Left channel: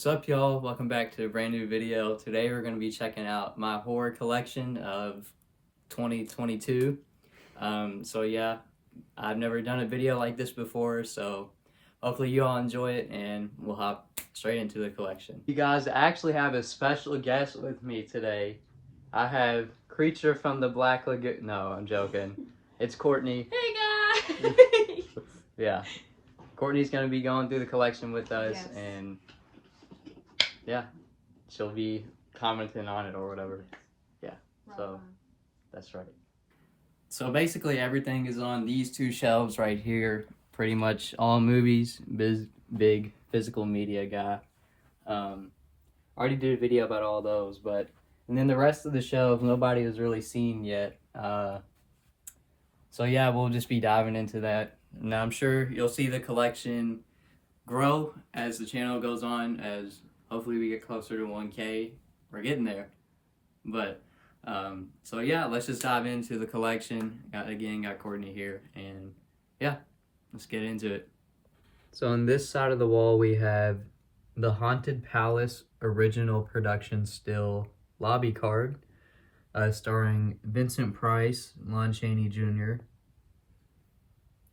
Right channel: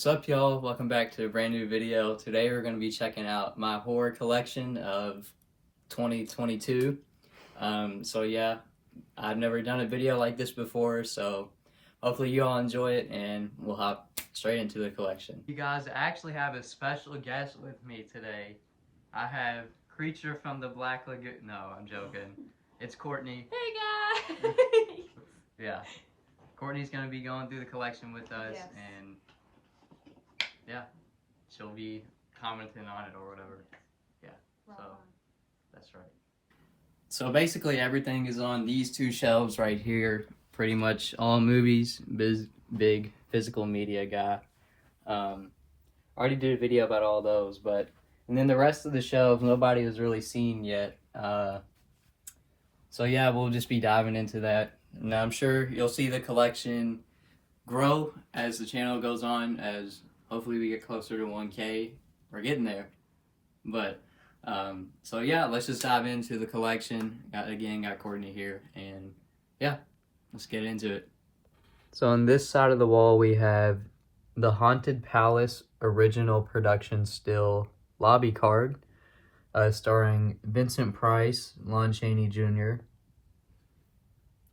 What's up, y'all? Welcome back to a brand new video. Today we're going to be checking out my horror collection of 2022. So yeah, I've never done a video like this before, so hopefully you all enjoy it and we'll hop straight into the collection. You guys, I actually have a special guest with me today. I have Creature from the Black Lagoon. No, I'm joking. It's Courtney. Hey guys! Yeah. Courtney's going to be going through the collection with us, Yes. and yeah, she'll be commenting on it or whatever. Yeah, so that's right. So basically everything is on these two shelves right here. Pretty much all movies, big physical media guy. Already did a video about all those, and then the rest of the shelves nobody has really seen yet. So yeah, we'll just be diving into that. Now I'm sure you'll see the collection grow as the channel goes on, as hopefully we get closer to 1K. We're getting there. But, so yeah, let's just dive into the collection. Got Courtney here, and yeah, let's get into it. So on this side of the wall, we have the Haunted Palace original production still lobby card, starring Vincent Price, Lon Chaney Jr.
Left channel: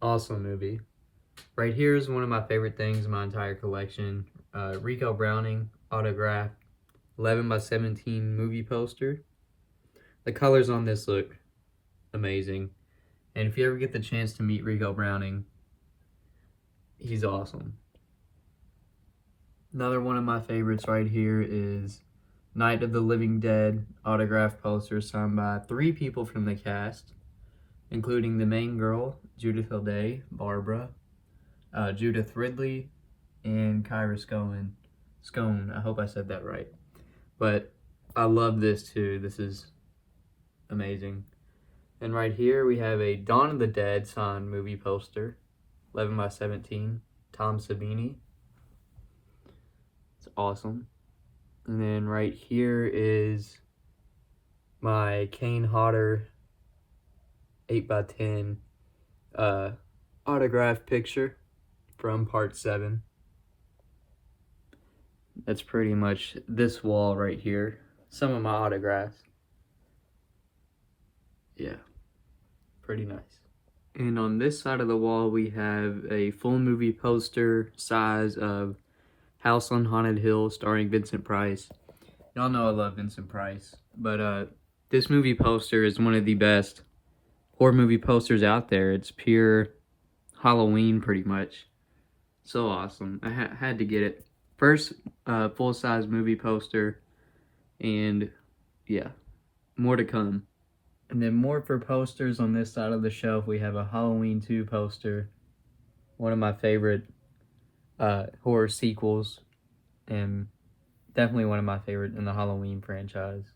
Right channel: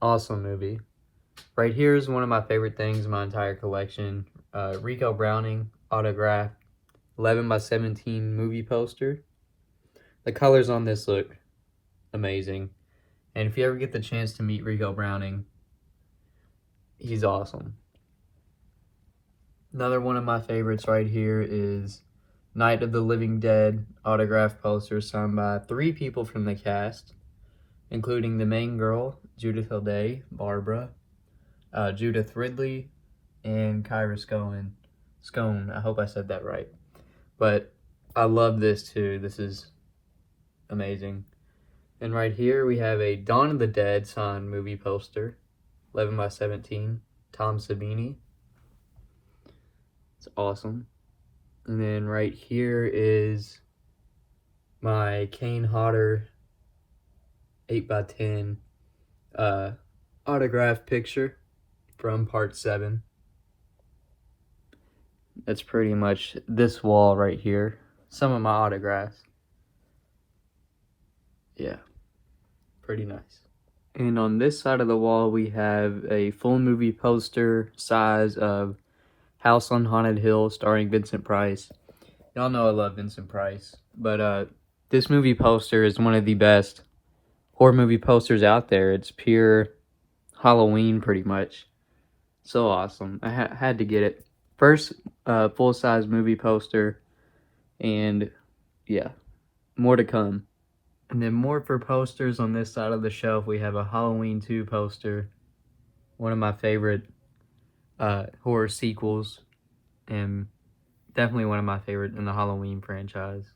Awesome movie. Right here is one of my favorite things in my entire collection. Rico Browning autographed 11x17 movie poster. The colors on this look amazing. And if you ever get the chance to meet Rico Browning, he's awesome. Another one of my favorites right here is Night of the Living Dead autographed poster signed by 3 people from the cast, including the main girl, Judith O'Day, Barbara, Judith Ridley, and Kyra Scone. I hope I said that right. But I love this too. This is amazing. And right here we have a Dawn of the Dead signed movie poster, 11x17, Tom Savini. It's awesome. And then right here is my Kane Hodder 8x10 autograph picture from part 7. That's pretty much this wall right here. Some of my autographs. Yeah, pretty nice. And on this side of the wall, we have a full movie poster size of House on Haunted Hill starring Vincent Price. Y'all know I love Vincent Price, but this movie poster is one of the best horror movie posters out there. It's pure Halloween, pretty much. So awesome. I had to get it. First full-size movie poster, and yeah, more to come. And then more for posters on this side of the shelf. We have a Halloween 2 poster, one of my favorite horror sequels, and definitely one of my favorite in the Halloween franchise.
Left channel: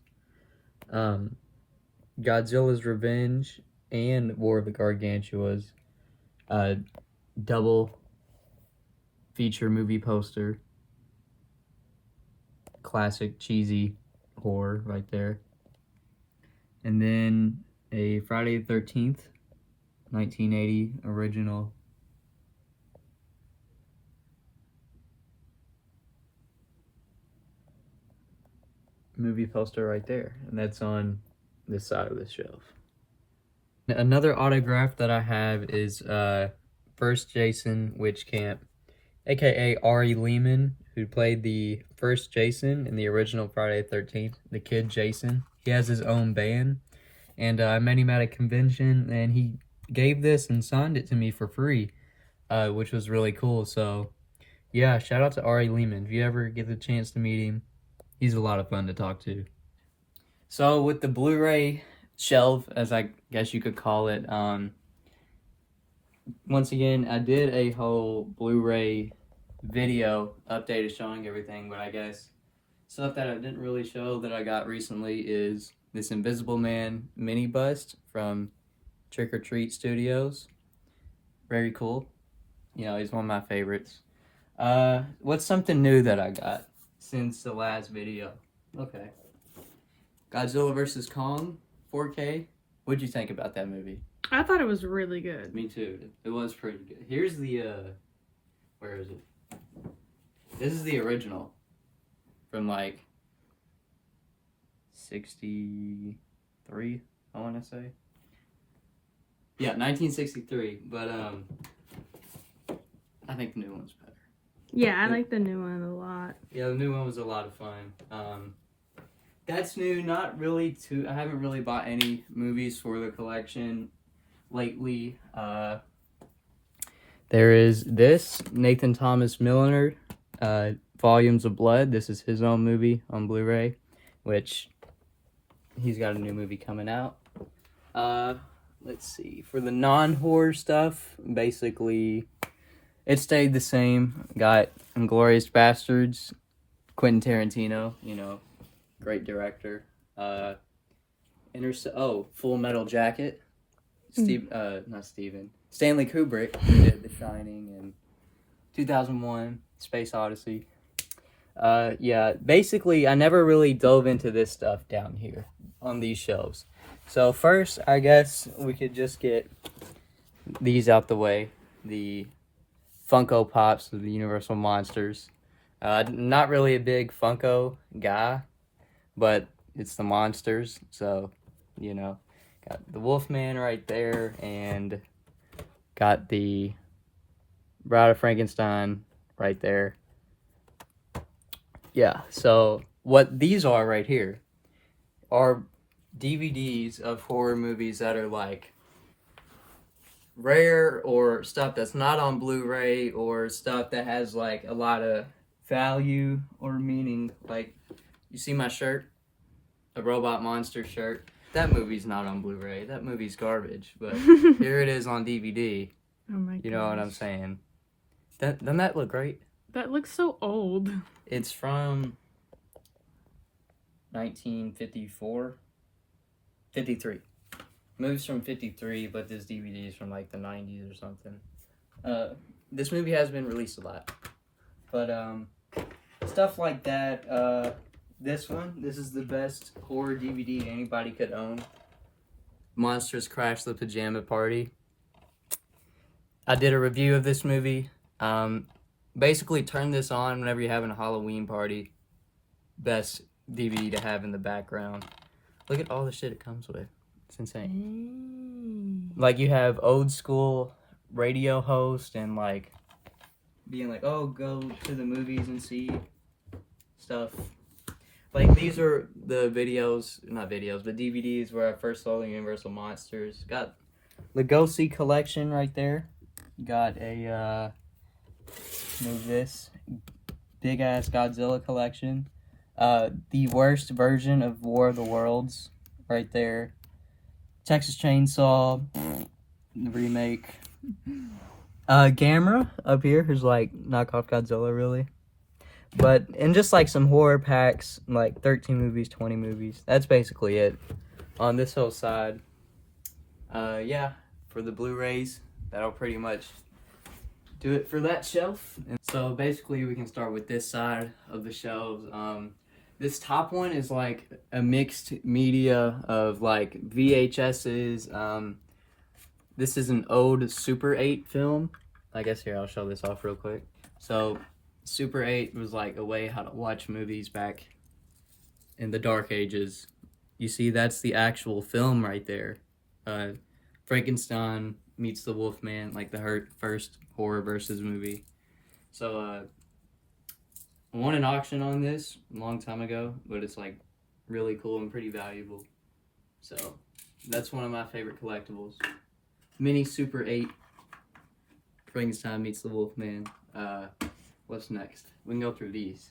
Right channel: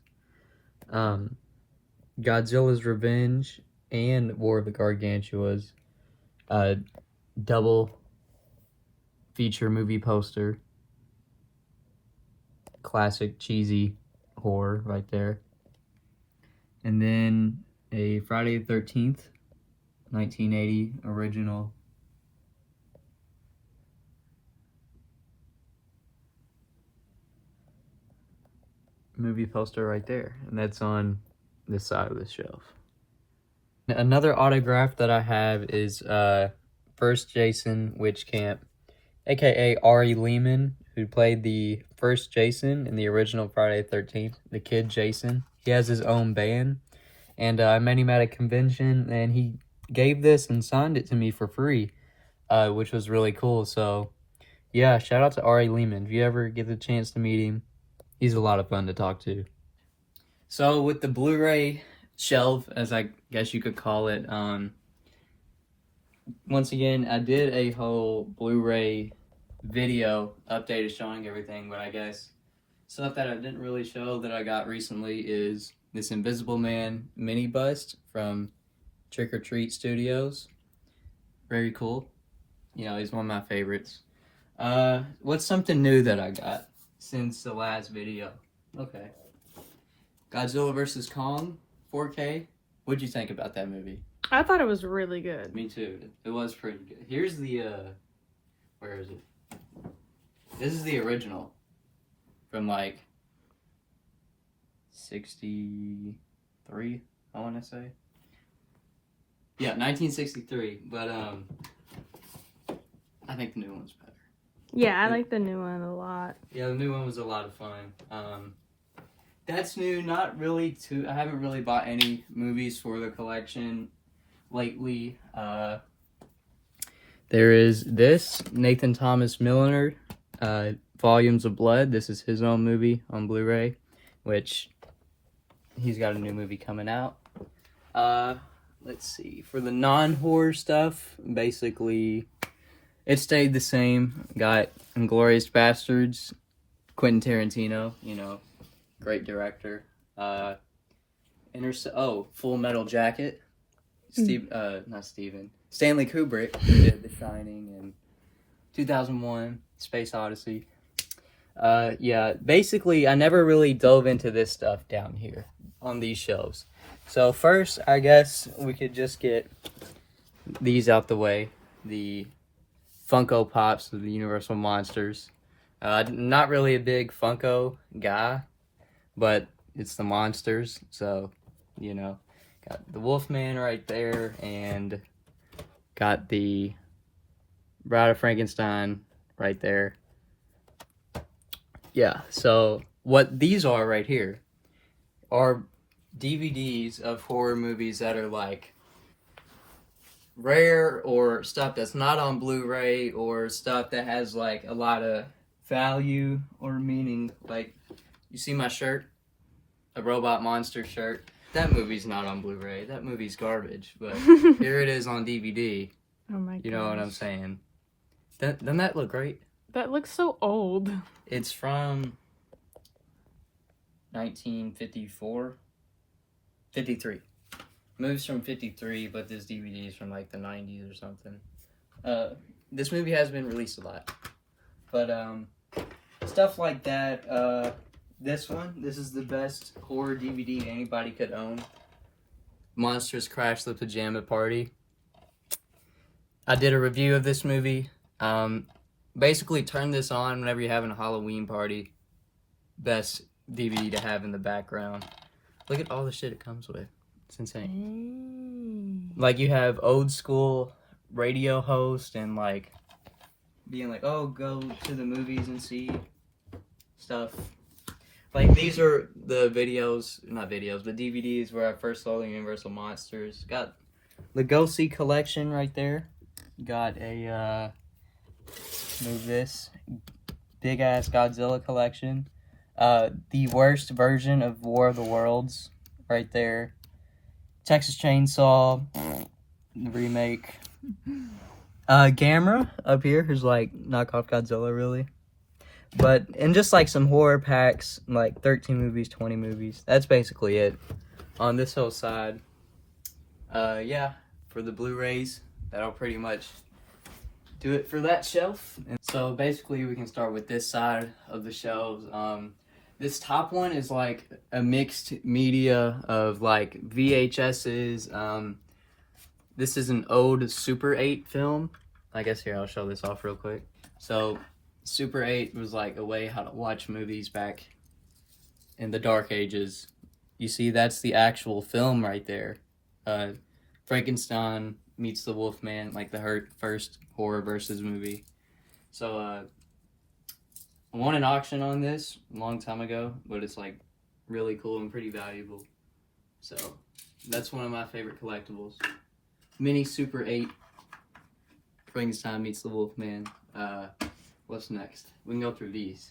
Godzilla's Revenge and War of the Gargantuas, double feature movie poster. Classic cheesy horror right there. And then a Friday the 13th, 1980 original movie poster right there. And that's on this side of the shelf. Another autograph that I have is First Jason Witch Camp, aka Ari Lehman, who played the first Jason in the original Friday the 13th, the kid Jason. He has his own band, and I met him at a convention, and he gave this and signed it to me for free, which was really cool. So yeah, shout out to Ari Lehman. If you ever get the chance to meet him, he's a lot of fun to talk to. So with the Blu-ray shelf, as I guess you could call it, once again, I did a whole Blu-ray video updated showing everything, but I guess stuff that I didn't really show that I got recently is this Invisible Man mini bust from Trick or Treat Studios. Very cool. You know, he's one of my favorites. What's something new that I got since the last video? Okay. Godzilla vs. Kong, 4K. What'd you think about that movie? I thought it was really good. Me too. It was pretty good. Here's the, where is it? This is the original. from like 63, I want to say. Yeah, 1963, but I think the new one's better. Yeah, I like the new one a lot. Yeah, the new one was a lot of fun. That's new, not really too. I haven't really bought any movies for the collection lately. There is this Nathan Thomas Milliner, Volumes of Blood. This is his own movie on Blu-ray, which he's got a new movie coming out. Let's see. For the non-horror stuff, basically, it stayed the same. Got Inglourious Bastards, Quentin Tarantino, you know, great director. Full Metal Jacket. Stanley Kubrick did The Shining and 2001, Space Odyssey. Yeah, basically, I never really dove into this stuff down here on these shelves. So first, I guess we could just get these out the way. The Funko Pops of the Universal Monsters. Not really a big Funko guy, but it's the monsters, so, you know. Got the Wolfman right there, and got the Bride of Frankenstein right there. Yeah, so what these are right here are DVDs of horror movies that are like rare, or stuff that's not on Blu-ray, or stuff that has like a lot of value or meaning. Like, you see my shirt? A Robot Monster shirt. That movie's not on Blu-ray. That movie's garbage. But here it is on DVD. Oh my god. You know what I'm saying? Doesn't that look great? That looks so old. It's from 1954? 53. Movie's from 53, but this DVD is from like the 90s or something. This movie has been released a lot. But, stuff like that. This is the best horror DVD anybody could own. Monsters Crash the Pajama Party. I did a review of this movie. Basically, turn this on whenever you're having a Halloween party. Best DVD to have in the background. Look at all the shit it comes with. It's insane. Like, you have old school radio host and like being like, oh, go to the movies and see stuff. Like, these are the not videos, but DVDs where I first saw the Universal Monsters. Got the Go-See collection right there. Got a, move this, big-ass Godzilla collection. The worst version of War of the Worlds right there. Texas Chainsaw, the remake. Gamera up here is like knockoff Godzilla, really. But, and just like some horror packs, like 13 movies, 20 movies. That's basically it on this whole side. Yeah, for the Blu-rays, that'll pretty much do it for that shelf. And so basically we can start with this side of the shelves. This top one is like a mixed media of like VHSs. This is an old Super 8 film. I guess here, I'll show this off real quick. So, Super 8 was like a way how to watch movies back in the dark ages. You see, that's the actual film right there. Frankenstein meets the Wolfman, like the first horror versus movie. So, I won an auction on this a long time ago, but it's like really cool and pretty valuable. So, that's one of my favorite collectibles. Mini Super 8, Frankenstein meets the Wolfman. What's next? We can go through these.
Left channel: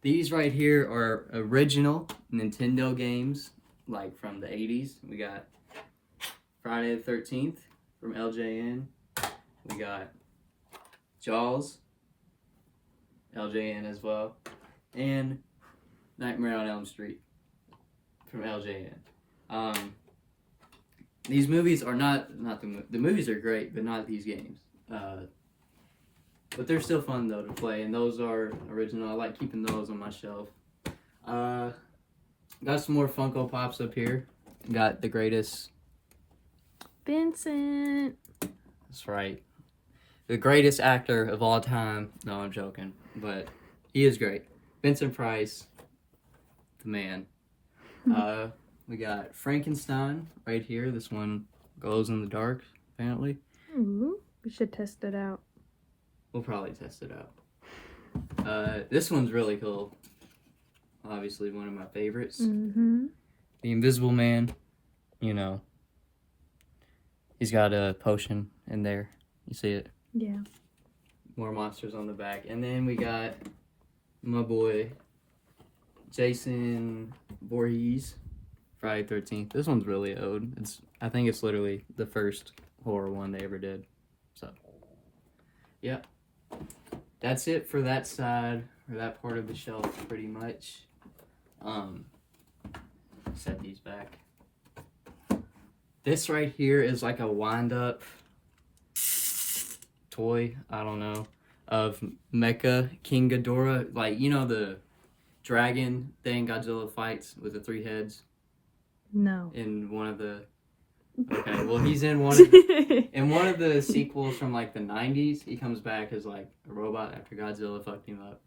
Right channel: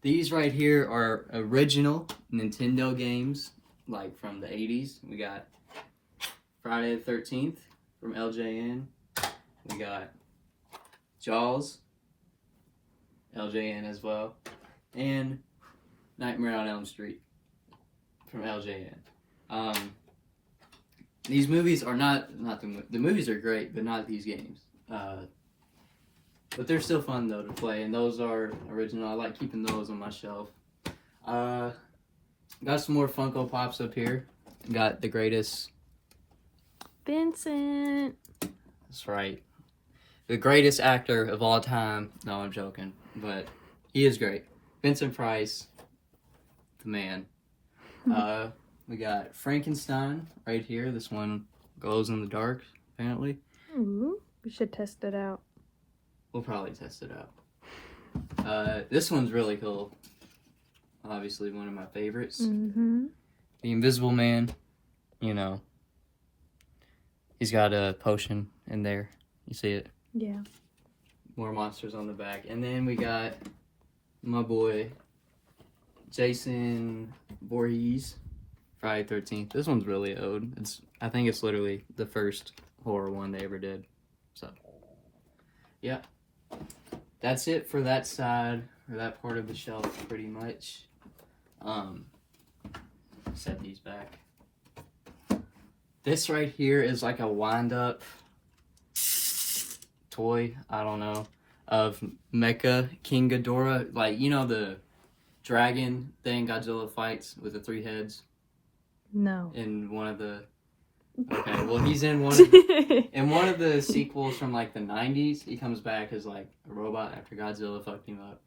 These right here are original Nintendo games, like from the 80s. We got Friday the 13th from LJN. We got Jaws, LJN as well. And Nightmare on Elm Street from LJN. These movies are not the movies are great, but not these games. But they're still fun though to play, and those are original. I like keeping those on my shelf. Got some more Funko Pops up here. Got the greatest Vincent. That's right. The greatest actor of all time. No, I'm joking, but he is great. Vincent Price, the man. We got Frankenstein right here. This one glows in the dark, apparently. Ooh, we should test it out. We'll probably test it out. This one's really cool. Obviously one of my favorites. Mm-hmm. The Invisible Man, you know. He's got a potion in there. You see it? Yeah. More monsters on the back. And then we got my boy, Jason Voorhees, Friday 13th. This one's really old. I think it's literally the first horror one they ever did. So, yeah. That's it for that side, or that part of the shelf, pretty much. Set these back. This right here is like a wind-up toy, I don't know, of Mecha King Ghidorah. Like, you know the dragon thing Godzilla fights with the 3 heads? No. In one of the... Okay, well, he's in one of the sequels from, like, the 90s. He comes back as, like, a robot after Godzilla fucked him up.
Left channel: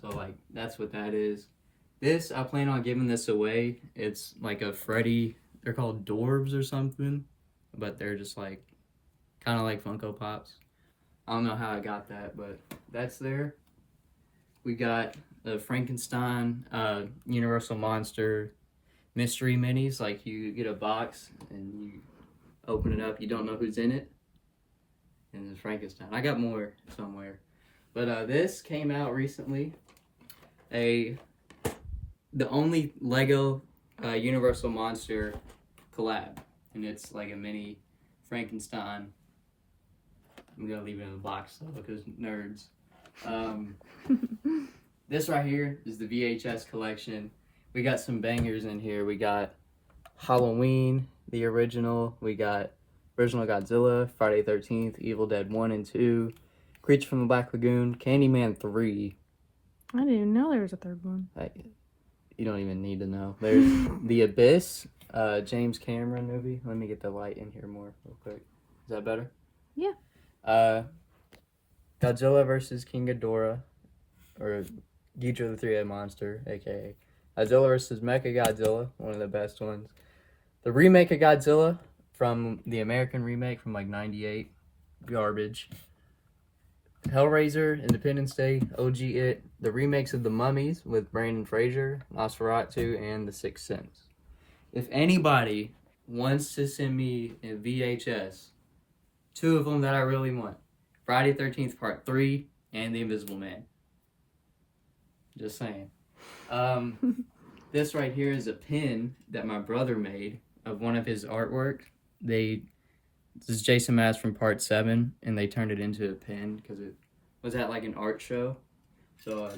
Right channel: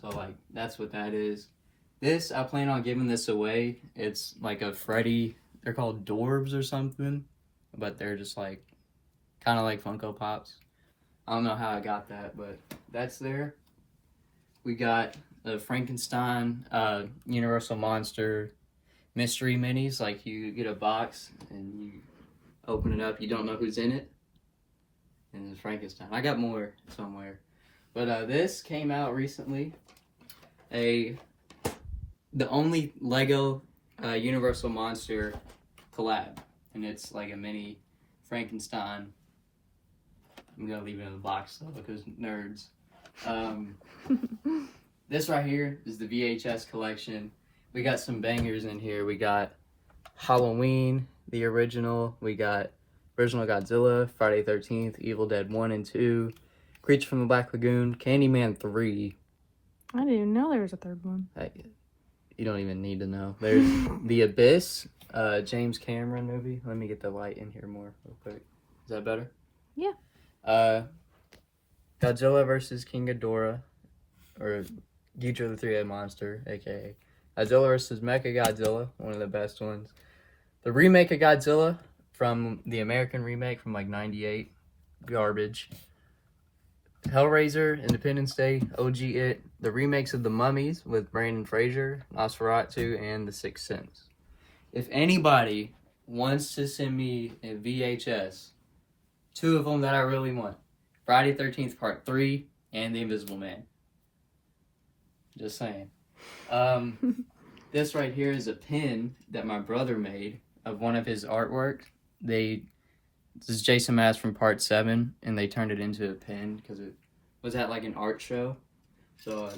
So, like, that's what that is. This, I plan on giving this away. It's like a Freddy... They're called Dorbs or something. But they're just, like, kind of like Funko Pops. I don't know how I got that, but that's there. We got the Frankenstein, Universal Monster mystery minis. Like, you get a box and you open it up. You don't know who's in it. And it's Frankenstein. I got more somewhere. But this came out recently. The only Lego Universal Monster collab. And it's like a mini Frankenstein. I'm gonna leave it in the box though because nerds. This right here is the VHS collection. We got some bangers in here. We got Halloween, the original. We got original Godzilla, Friday 13th, Evil Dead 1 and 2, Creature from the Black Lagoon, Candyman 3. I didn't even know there was a third one. You don't even need to know. There's The Abyss, James Cameron movie. Let me get the light in here more real quick. Is that better? Yeah. Godzilla vs. King Ghidorah, or Ghidorah the Three-Headed Monster, aka Godzilla vs. Mecha Godzilla, one of the best ones. The remake of Godzilla from the American remake from like '98, garbage. Hellraiser, Independence Day, OG It, the remakes of The Mummies with Brandon Fraser, Nosferatu, and The Sixth Sense. If anybody wants to send me a VHS, 2 of them that I really want, Friday 13th Part 3 and The Invisible Man. Just saying. This right here is a pin that my brother made of one of his artwork. This is Jason Mass from Part 7, and they turned it into a pin because it was at like an art show. So I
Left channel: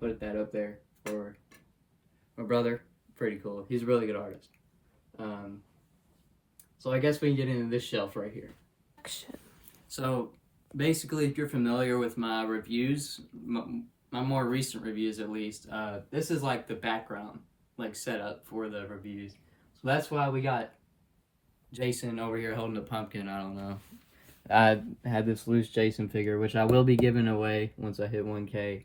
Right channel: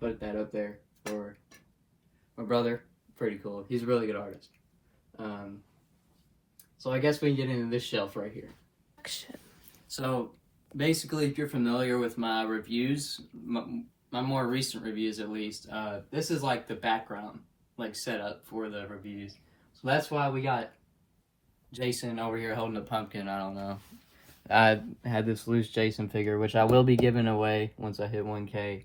put that up there for my brother. Pretty cool. He's a really good artist. So I guess we can get into this shelf right here. So basically, if you're familiar with my reviews, my more recent reviews at least, this is like the background, like setup for the reviews. So that's why we got Jason over here holding a pumpkin. I don't know. I had this loose Jason figure, which I will be giving away once I hit 1K,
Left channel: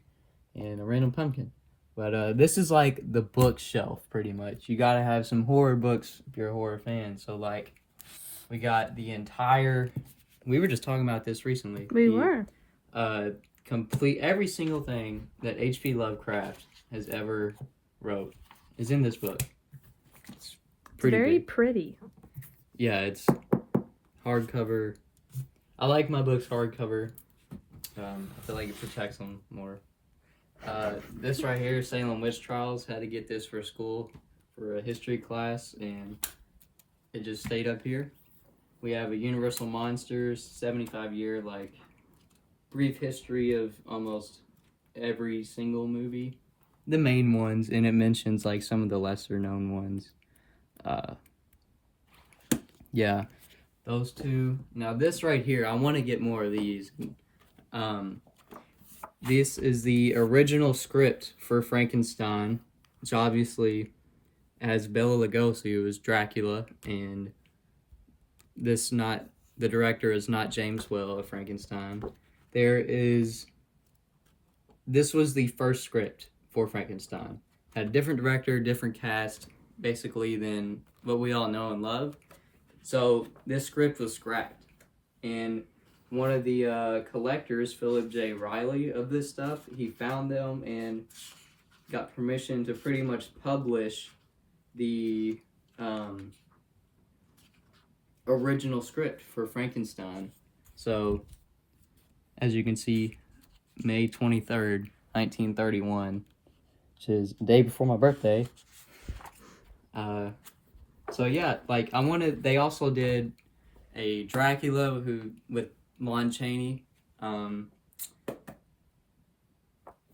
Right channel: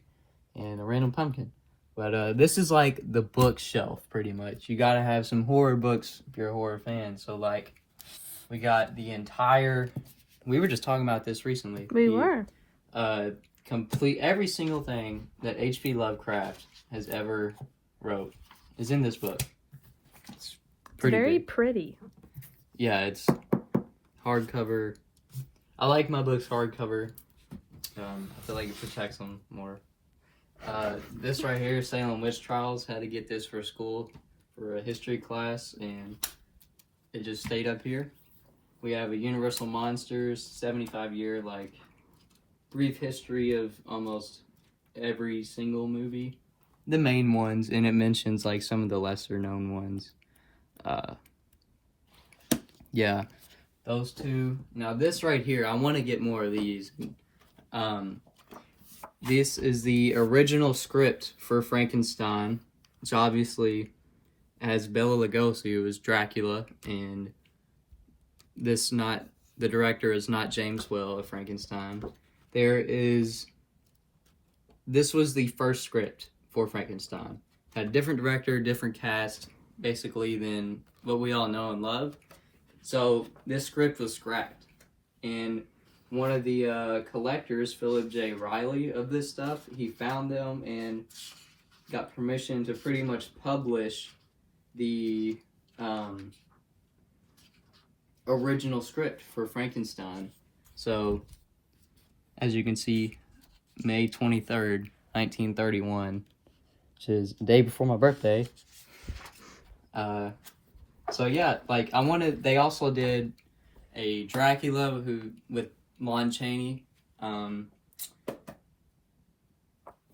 and a random pumpkin. But this is like the bookshelf, pretty much. You gotta have some horror books if you're a horror fan. So like, we got the entire... We were just talking about this recently. We were. Complete every single thing that H.P. Lovecraft has ever wrote is in this book. It's pretty very big. pretty. Yeah, it's hardcover. I like my books hardcover. I feel like it protects them more. This right here, Salem Witch Trials. Had to get this for school for a history class, and it just stayed up here. We have a Universal Monsters 75-year, like, brief history of almost every single movie. The main ones, and it mentions, like, some of the lesser-known ones. Yeah, those 2. Now, this right here, I want to get more of these. This is the original script for Frankenstein, which obviously has Bela Lugosi, who is Dracula, and the director is not James Whale of Frankenstein. This was the first script for Frankenstein. Had a different director, different cast, basically, than what we all know and love. So this script was scrapped. And one of the collectors, Philip J. Riley, of this stuff, he found them and got permission to pretty much publish the original script for Frankenstein. So, as you can see, May 23rd, 1931, which is the day before my birthday. So yeah, like they also did a Dracula with Lon Chaney.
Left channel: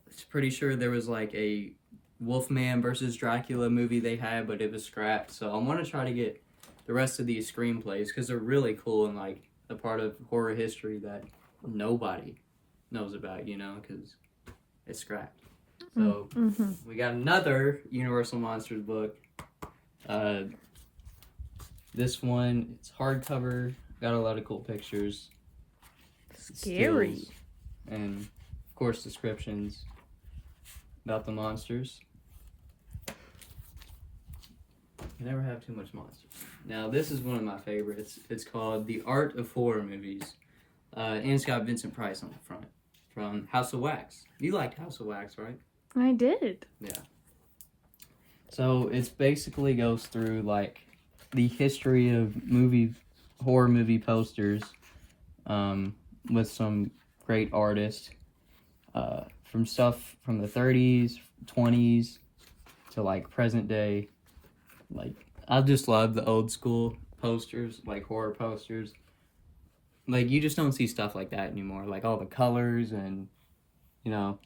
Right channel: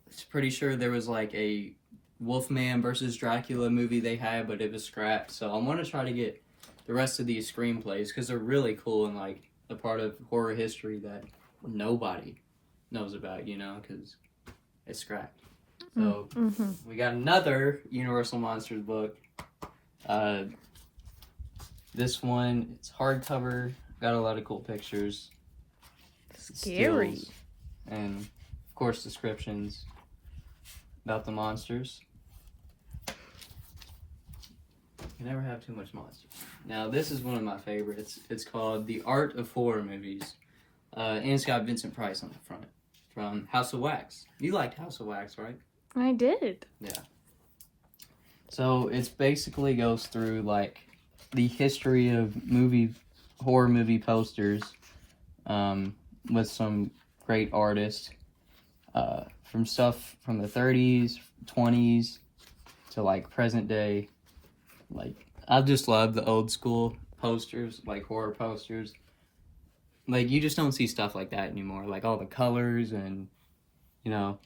It's pretty sure there was like a Wolfman versus Dracula movie they had, but it was scrapped. So I'm gonna try to get the rest of these screenplays because they're really cool and like a part of horror history that nobody knows about, you know, because it's scrapped. So we got another Universal Monsters book. This one, it's hardcover, got a lot of cool pictures. Scary. Stills, and of course descriptions about the monsters. You never have too much monsters. Now this is one of my favorites. It's called The Art of Horror Movies. And it's got Vincent Price on the front from House of Wax. You liked House of Wax, right? I did. Yeah. So it's basically goes through like the history of horror movie posters with some great artists from stuff from the 30s, 20s to like present day. Like I just love the old school posters, like horror posters. Like you just don't see stuff like that anymore. Like all the colors and you know,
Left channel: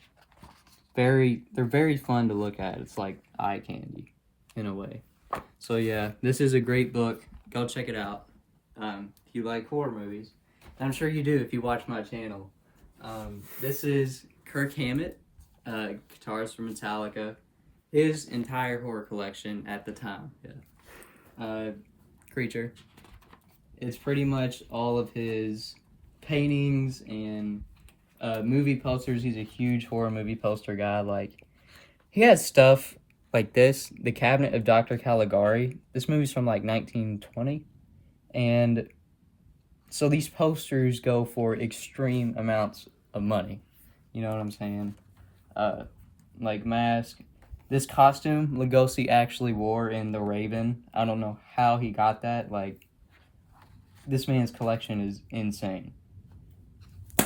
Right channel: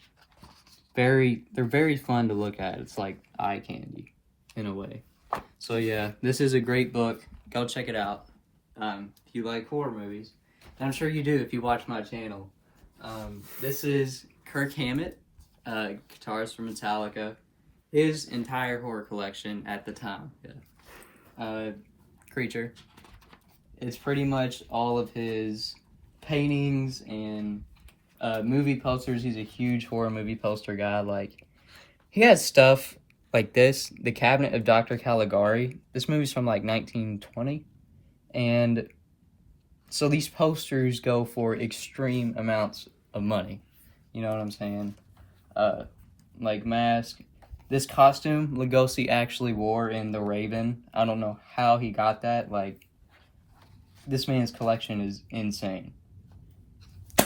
they're very fun to look at. It's like eye candy in a way. So yeah, this is a great book. Go check it out if you like horror movies. I'm sure you do if you watch my channel. This is Kirk Hammett, guitarist from Metallica. His entire horror collection at the time. Yeah. Creature. It's pretty much all of his paintings and movie posters. He's a huge horror movie poster guy. Like, he has stuff like this, The Cabinet of Dr. Caligari. This movie's from like 1920. And so these posters go for extreme amounts of money. You know what I'm saying? Like Mask. This costume Lugosi actually wore in The Raven. I don't know how he got that. Like, this man's collection is insane.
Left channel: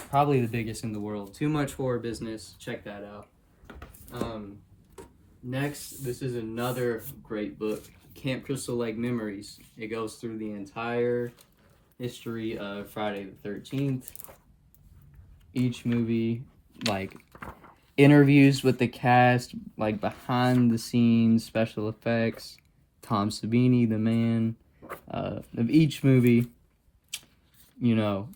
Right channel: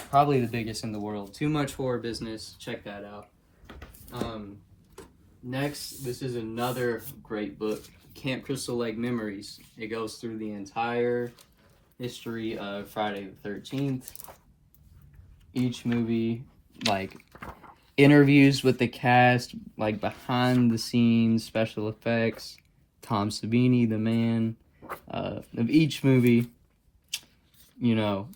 Probably the biggest in the world. Too Much Horror Business. Check that out. Next, this is another great book, Camp Crystal Lake Memories. It goes through the entire history of Friday the 13th. Each movie, like, interviews with the cast, like, behind the scenes, special effects, Tom Savini, the man, of each movie, you know,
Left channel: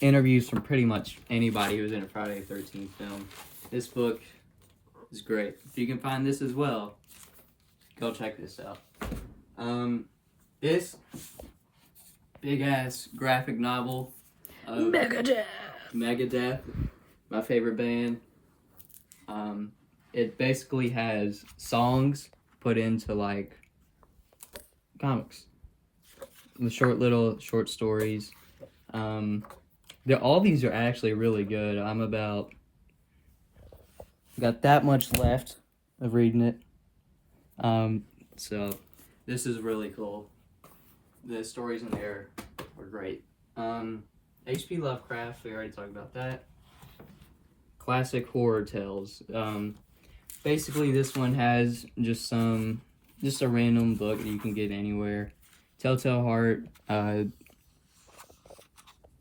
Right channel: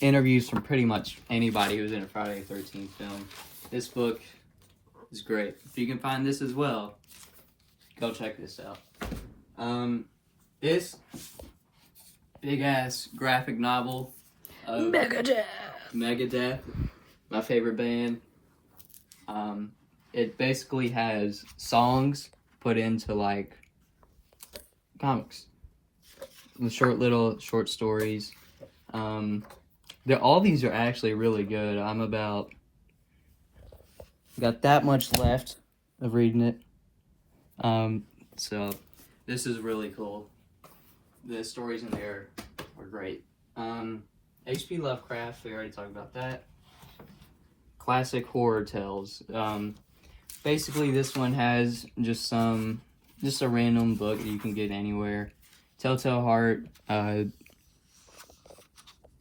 interviews from pretty much anybody who's in a Friday the 13th film. This book is great. If you can find this as well, go check this out. This big-ass graphic novel of Megadeth, my favorite band. It basically has songs put into, like, comics. The short stories. All these are actually really good. Got that much left of reading it. So this is really cool. The stories in there are great. H.P. Lovecraft, we already talked about that. Classic horror tales. Basically this one has just a random book that you can get anywhere. Telltale Heart,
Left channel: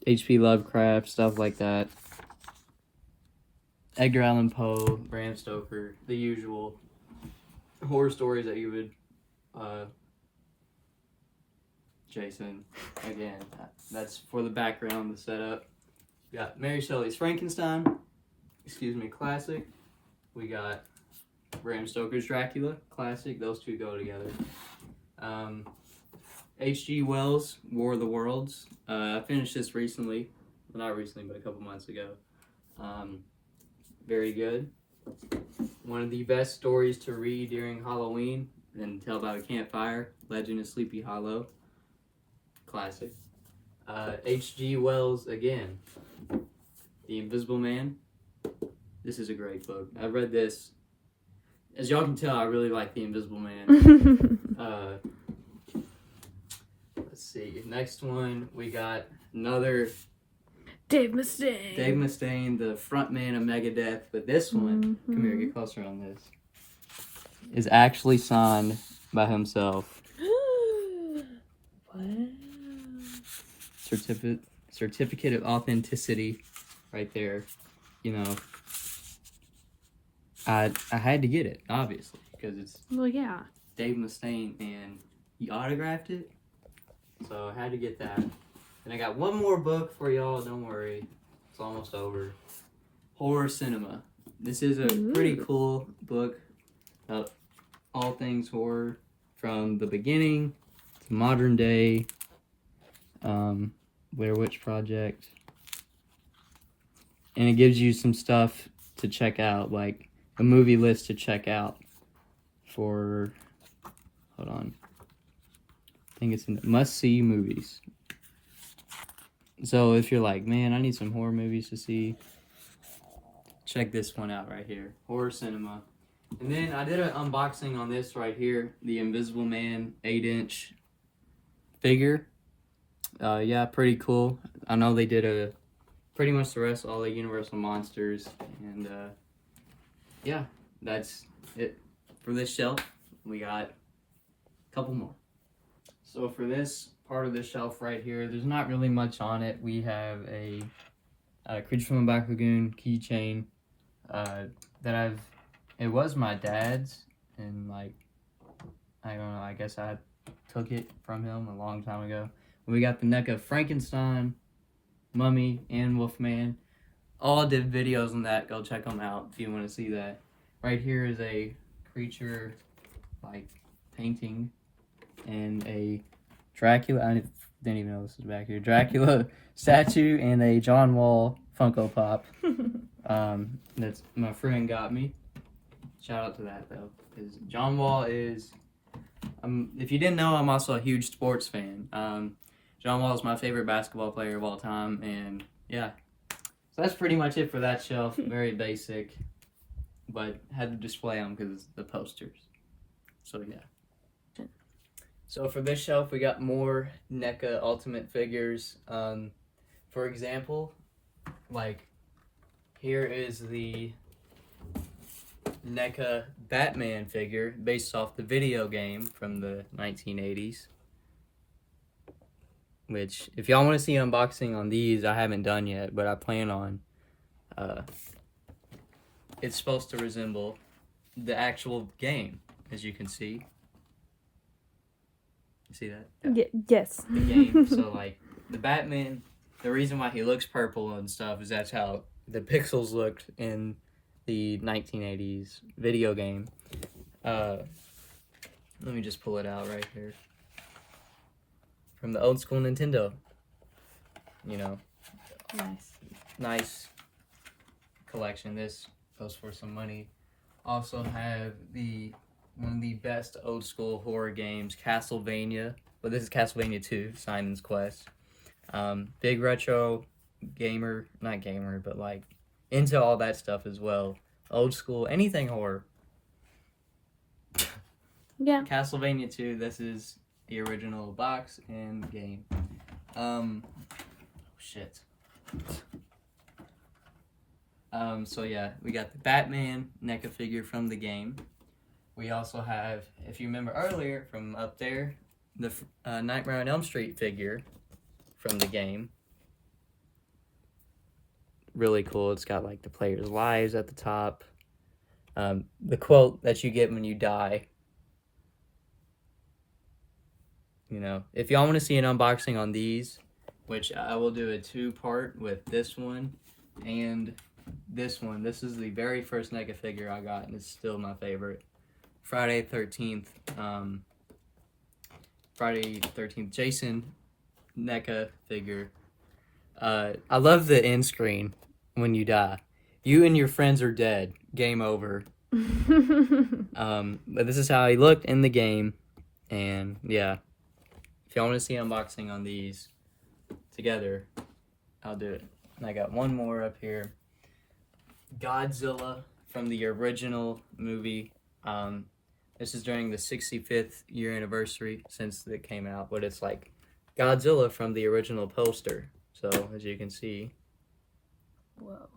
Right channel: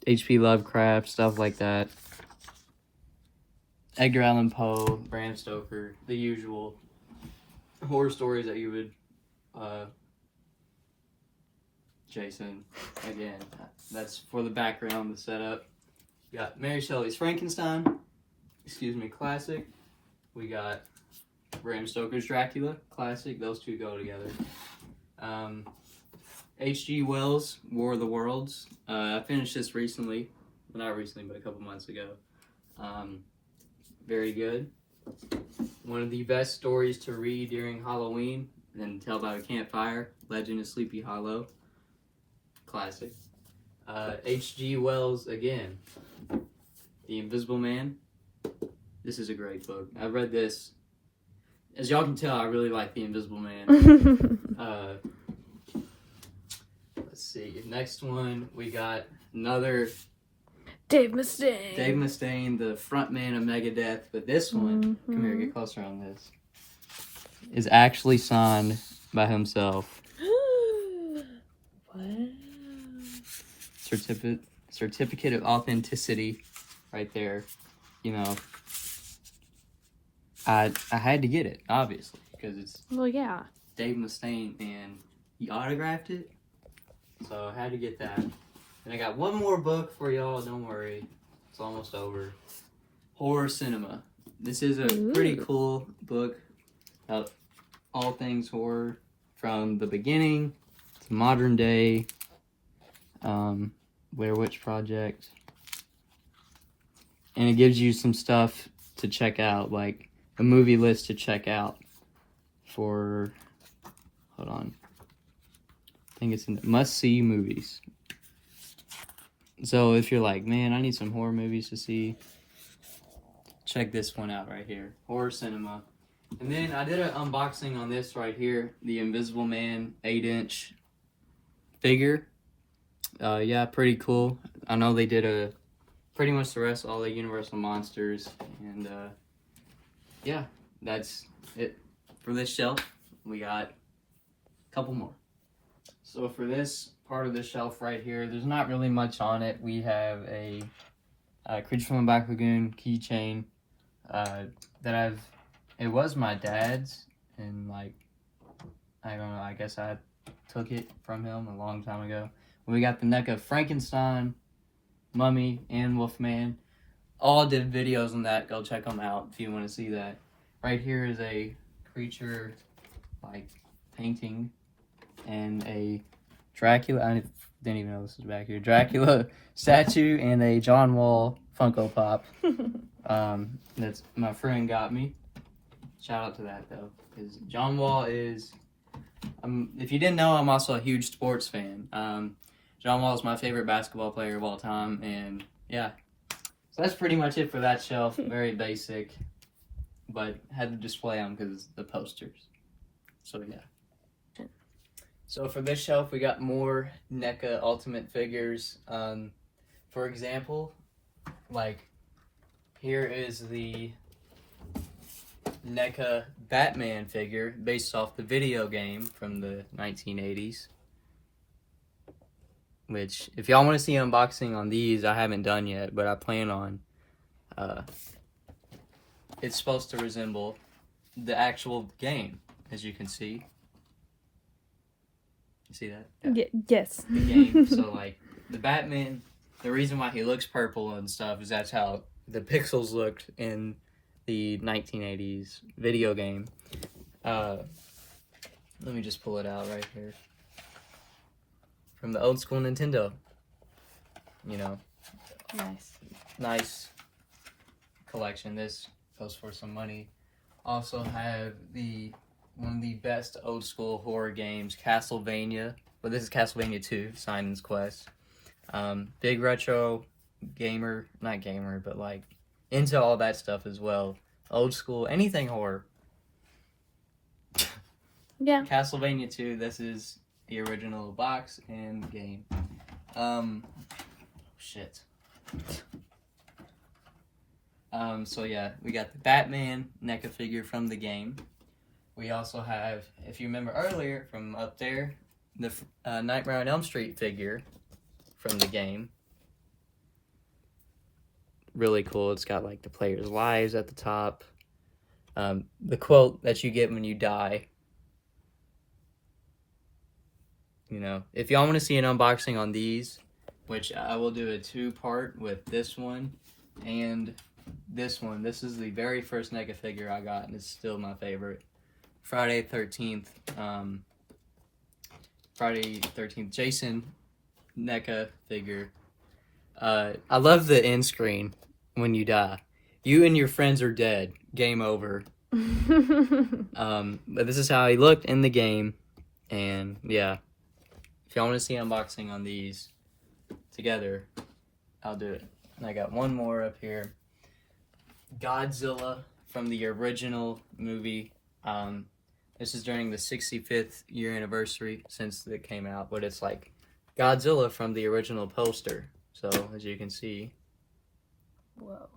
H.P. Lovecraft, stuff like that. Edgar Allan Poe, Bram Stoker, the usual horror stories that you would, Jason, again, that's for the background, the setup. We got Mary Shelley's Frankenstein, classic. We got Bram Stoker's Dracula, classic, those two go together. H.G. Wells' War of the Worlds, I finished this recently, well, not recently, but a couple months ago. Very good. One of the best stories to read during Halloween and tell by a campfire, Legend of Sleepy Hollow. Classic. H.G. Wells again. The Invisible Man. This is a great book. I've read this. As y'all can tell, I really like The Invisible Man. Let's see. Next one, we got another Dave Mustaine. Dave Mustaine, the frontman of Megadeth. But this one, come here, get closer on this, is actually signed by himself. Wow. Certificate of authenticity right there. You know, I had to get it, obviously, because it's Well, yeah. Dave Mustaine and he autographed it. So I had to get that. And I got one more book for y'all, don't worry. It's almost over. Horror Cinema. This is a pretty cool book about all things horror from the beginning to modern day. Blair Witch Project. And it gives you some stuff to check out, like a movie list to check out for, hold on. I think it's in must-see movies. So if you're like, man, I need some horror movies to see, check this one out right here. Horror Cinema. And then I did an unboxing on this right here. The Invisible Man 8-inch figure. Yeah, pretty cool. I know they did pretty much the rest of all the Universal Monsters. And yeah, that's it for this shelf. We got a couple more. So for this part of the shelf right here, there's not really much on it. We have a Creature from the Black Lagoon keychain it was my dad's, and like, I don't know, I guess I took it from him a long time ago. We got the Neca Frankenstein, Mummy, and Wolfman. All did videos on that. Go check them out if you want to see that. Right here is a creature, like, painting, and a Dracula. I didn't even know this was back here. Dracula statue and a John Wall Funko Pop. That's my friend got me. Shout out to that though, because John Wall is. If you didn't know, I'm also a huge sports fan. John Wall is my favorite basketball player of all time, and yeah. So that's pretty much it for that shelf. Very basic, but had to display them because the posters. So yeah. So for this shelf, we got more NECA Ultimate figures. For example, like here is the NECA Batman figure based off the video game from the 1980s. Which, if y'all want to see an unboxing on these, I haven't done yet, but I plan on. It's supposed to resemble the actual game, as you can see. You see that? Yeah. Yes. The game. So, like, the Batman, the reason why he looks purple and stuff is that's how the pixels looked in the 1980s video game. Let me just pull it out right here. From the old school Nintendo. You know. Nice collection. This goes for some money. Also have one of the best old school horror games, Castlevania. Well, this is Castlevania 2, Simon's Quest. Big retro gamer, not gamer, but like into all that stuff as well. Old school, anything horror. Yeah. Castlevania 2, this is the original box and game. Shit. So yeah, we got the Batman NECA figure from the game. We also have, if you remember earlier from up there, the Nightmare on Elm Street figure from the game. Really cool. It's got like the players' lives at the top. The quote that you get when you die. You know, if y'all want to see an unboxing on these, which I will do a 2-part with this one and this one. This is the very first NECA figure I got, and it's still my favorite. Friday 13th. Friday 13th. Jason NECA figure. I love the end screen when you die. You and your friends are dead. Game over. But this is how he looked in the game. And yeah, if y'all want to see unboxing on these together, I'll do it. And I got one more up here. Godzilla from the original movie. This is during the 65th year anniversary since it came out, but it's like Godzilla from the original poster. So as you can see. Whoa.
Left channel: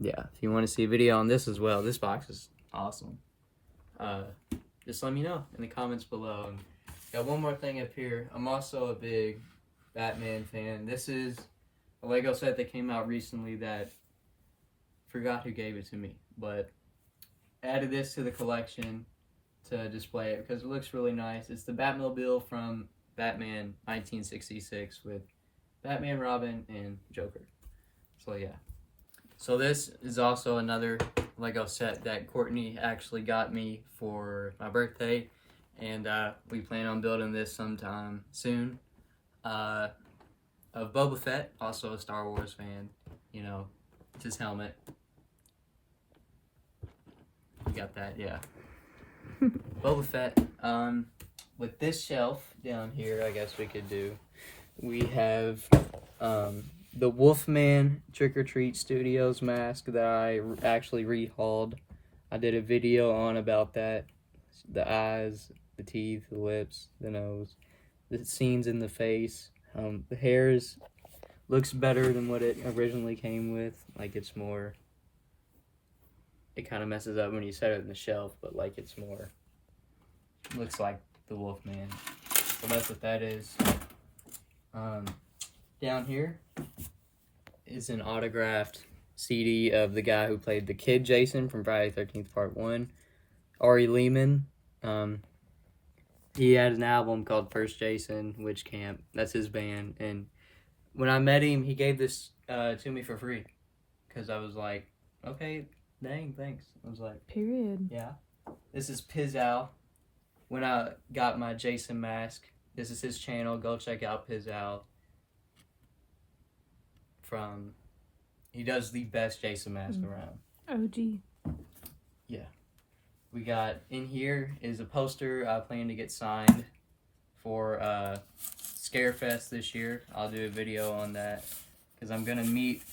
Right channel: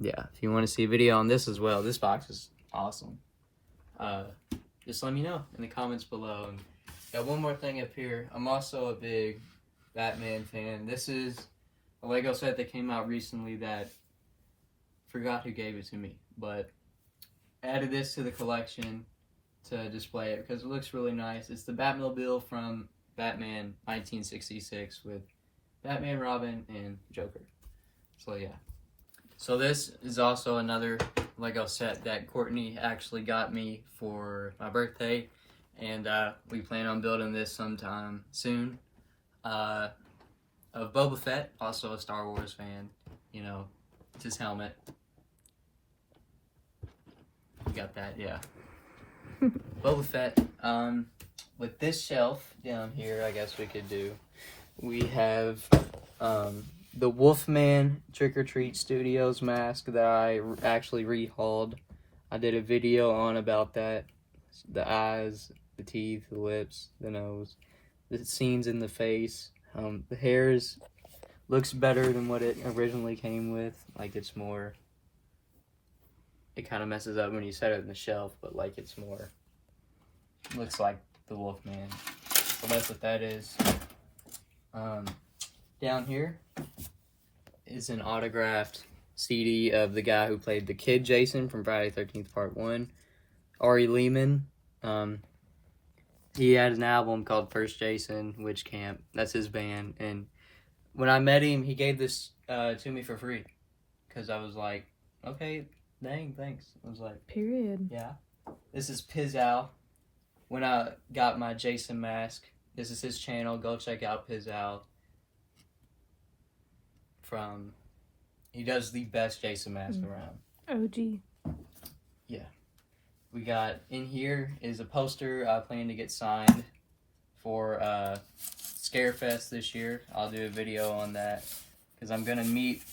Yeah, if you want to see a video on this as well, this box is awesome. Just let me know in the comments below. And got one more thing up here. I'm also a big Batman fan. This is a Lego set that came out recently that forgot who gave it to me, but added this to the collection to display it because it looks really nice. It's the Batmobile from Batman 1966 with Batman, Robin, and Joker. So yeah. So this is also another Lego set that Courtney actually got me for my birthday, and we plan on building this sometime soon. Of Boba Fett, also a Star Wars fan. You know, it's his helmet. You got that, yeah. Boba Fett. With this shelf down here, I guess we could do. We have the Wolfman Trick or Treat Studios mask that I actually rehauled. I did a video on about that. The eyes, the teeth, the lips, the nose, the scenes in the face. The hairs looks better than what it originally came with. Like it's more, it kind of messes up when you set it on the shelf, but like it's more, looks like the Wolfman. So that's what that is. Down here is an autographed CD of the guy who played the kid Jason from Friday the 13th Part 1, Ari Lehman. He had an album called First Jason, Witch Camp. That's his band. And when I met him, he gave this to me for free. Because I was like, okay, dang, thanks. I was like, Period. yeah. This is Pizzow. When I got my Jason mask, this is his channel. Go check out Pizzow. He does the best Jason mask around. OG. Yeah. We got, in here is a poster I plan to get signed for Scarefest this year. I'll do a video on that because I'm going to meet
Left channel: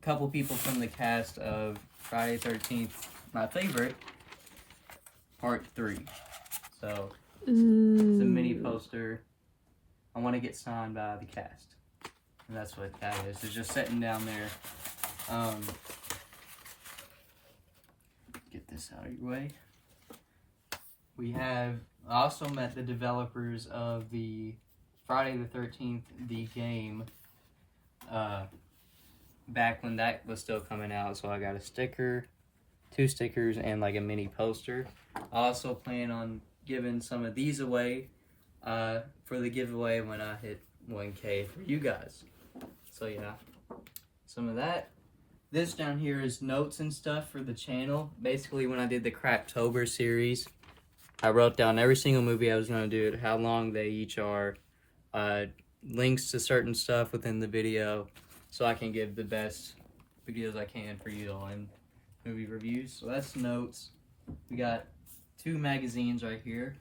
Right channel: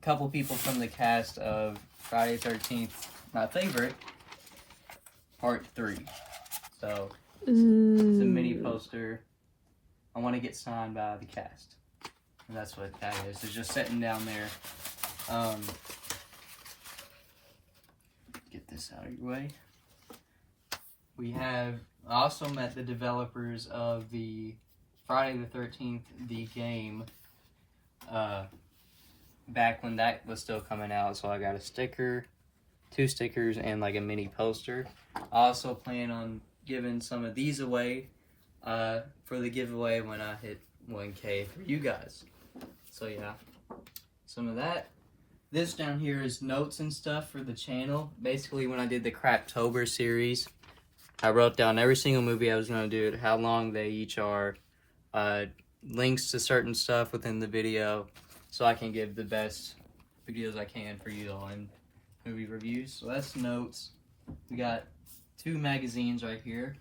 a couple people from the cast of Friday 13th, my favorite, Part 3. So, it's a mini poster. I want to get signed by the cast. And that's what that is. It's just sitting down there. Get this out of your way. I also met the developers of the Friday the 13th, the game, back when that was still coming out. So I got a sticker, 2 stickers, and like a mini poster. I also plan on giving some of these away for the giveaway when I hit 1K for you guys. So yeah, some of that. This down here is notes and stuff for the channel. Basically, when I did the Craptober series, I wrote down every single movie I was going to do, how long they each are, links to certain stuff within the video, so I can give the best videos I can for you all in movie reviews. So that's notes. We got 2 magazines right here.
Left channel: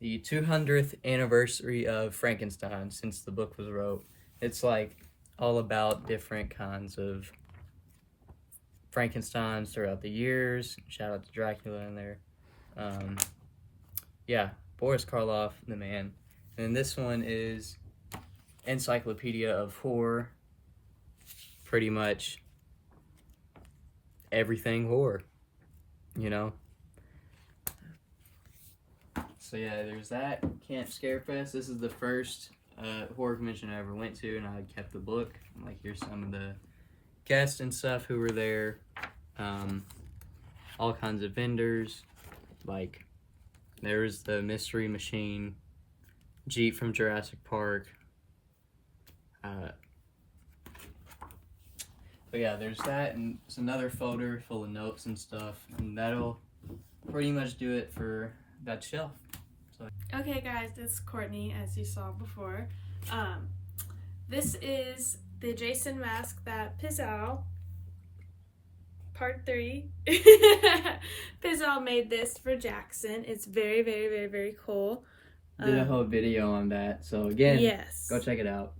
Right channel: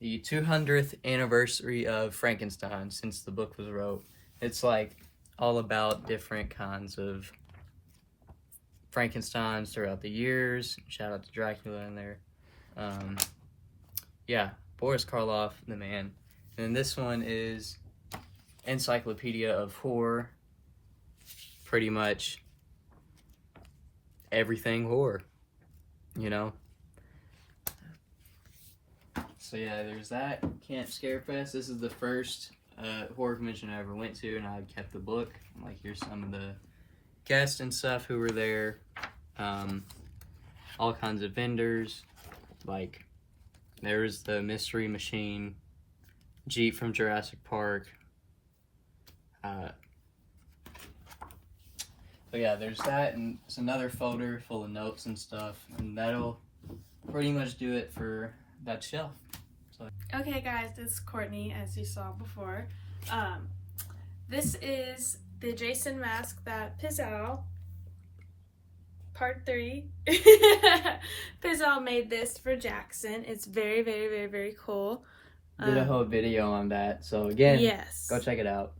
The 200th anniversary of Frankenstein, since the book was wrote. It's like all about different kinds of Frankensteins throughout the years. Shout out to Dracula in there. Yeah, Boris Karloff, the man. And this one is Encyclopedia of Horror. Pretty much everything horror, you know? So yeah, there's that. Camp Scarefest. This is the first horror convention I ever went to, and I kept the book. Like, here's some of the guests and stuff who were there. All kinds of vendors. Like, there was the Mystery Machine, Jeep from Jurassic Park. But yeah, there's that, and it's another folder full of notes and stuff, and that'll pretty much do it for that shelf. So. Okay guys, this is Courtney, as you saw before. This is the Jason mask that Pizzle, part 3, Pizzle made this for Jackson. It's very, very, very, very cool. Did a whole video on that. So again, yes, go check it out.